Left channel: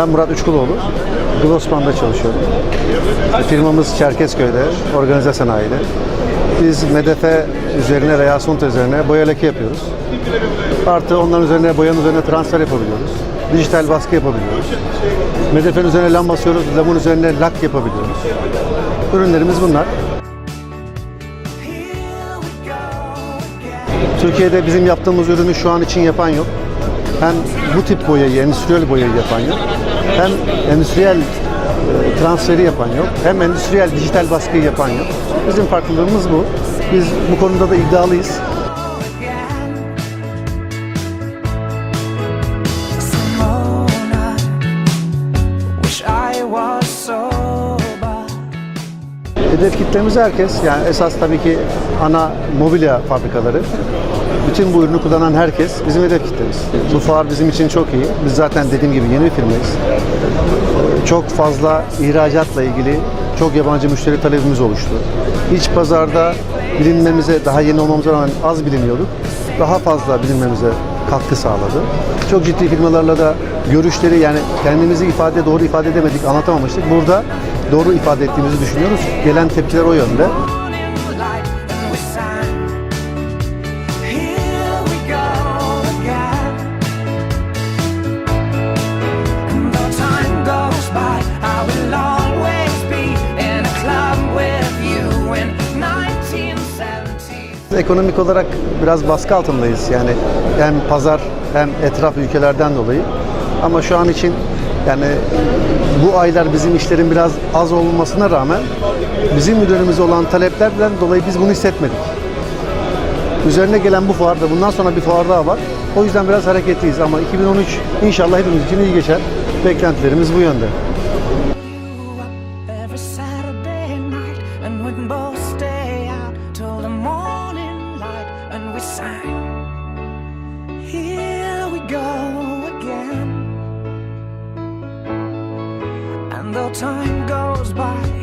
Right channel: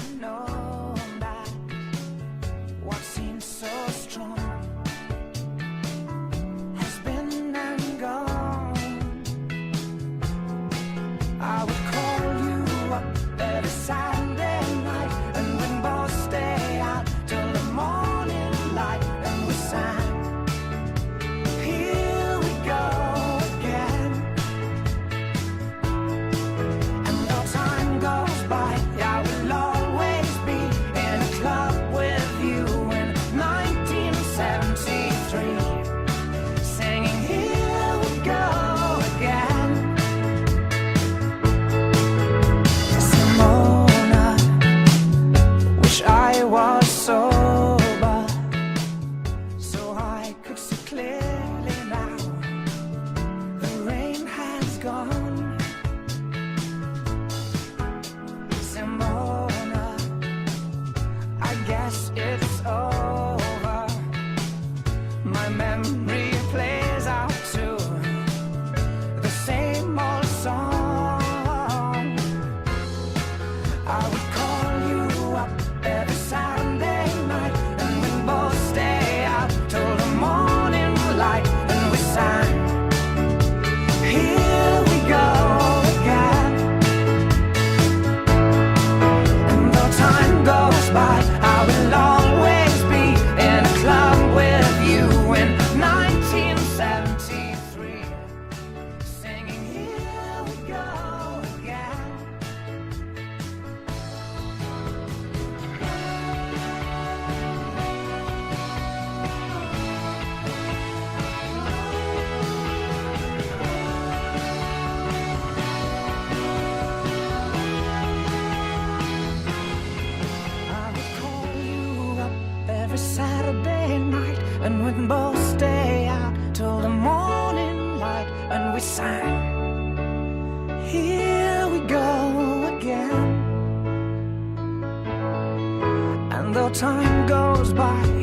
Ben Murat Üçkuloğlu. Glossman'da çalışıyorum. Firmamız Çerkezköy'de, organize sanayide. Biz medefe üzerine veya asfalt üzerine boya leke yapıyoruz. Artı onların üzerine boyanın üzerine transfer yapabiliyoruz. Dijital baskı yapabiliyoruz. Medefenin üzerine lam basıyoruz, lamın üzerine lak yapabiliyoruz. Ürünlerimiz bunlar. Türkiye'de bizim yaptığımız ürünü şu an için yapan yok. Hem bu tip boyayı, endüstriyel boyayı yapan yok. Hem endüstriyel e, transferi yapan yok. Hem endüstriyel dijital baskıyı yapan yok. Bizim farklılığımız bu. Biz bu konuda da iddialıyız. Hedef kitlemiz herkes. Yani esas tabii ki ana mobilya fabrikaları. Bütün bu ürünü kullanan herkes bizim hedef kitlemiz. Bu fuar bizim için çok iyi. Biz zaten dediğim gibi yeni bir firmayız. Çok fazla ihracatla ilgili çok yabancı müşteri talebimiz oluştu. İç pazarda bilinmemize, daha yeni olmamıza rağmen az biliniyorduk. Daha fazla bilinmemize katkı sağladı. Çok ciddi firmalarla da görüşleri yani kendimizi ifade doğru ifade edemedik, anlatamamıştık. Burada doğru ifade ettiğimizi düşünüyoruz. Gelen tepkiler o yönde. Ekonomik olarak biraz baskı altındayız. Yani hem pazar hem etraf ülkelerden dolayı. Ama şu an için yani bu aylar bizim işlerin biraz az olmasına rağmen bizim üzerimize olan taleplerden dolayı biz bunu hissetmedik. Üzerine gelen bu fuarda, bundan sonra bir fuar daha var. O yüzden biraz hareketliyiz ama 2013 inşallah hepimiz için iyi geçer. Beklentilerimiz bu yönde. Saturday night, and we'd both stay out till the time goes by,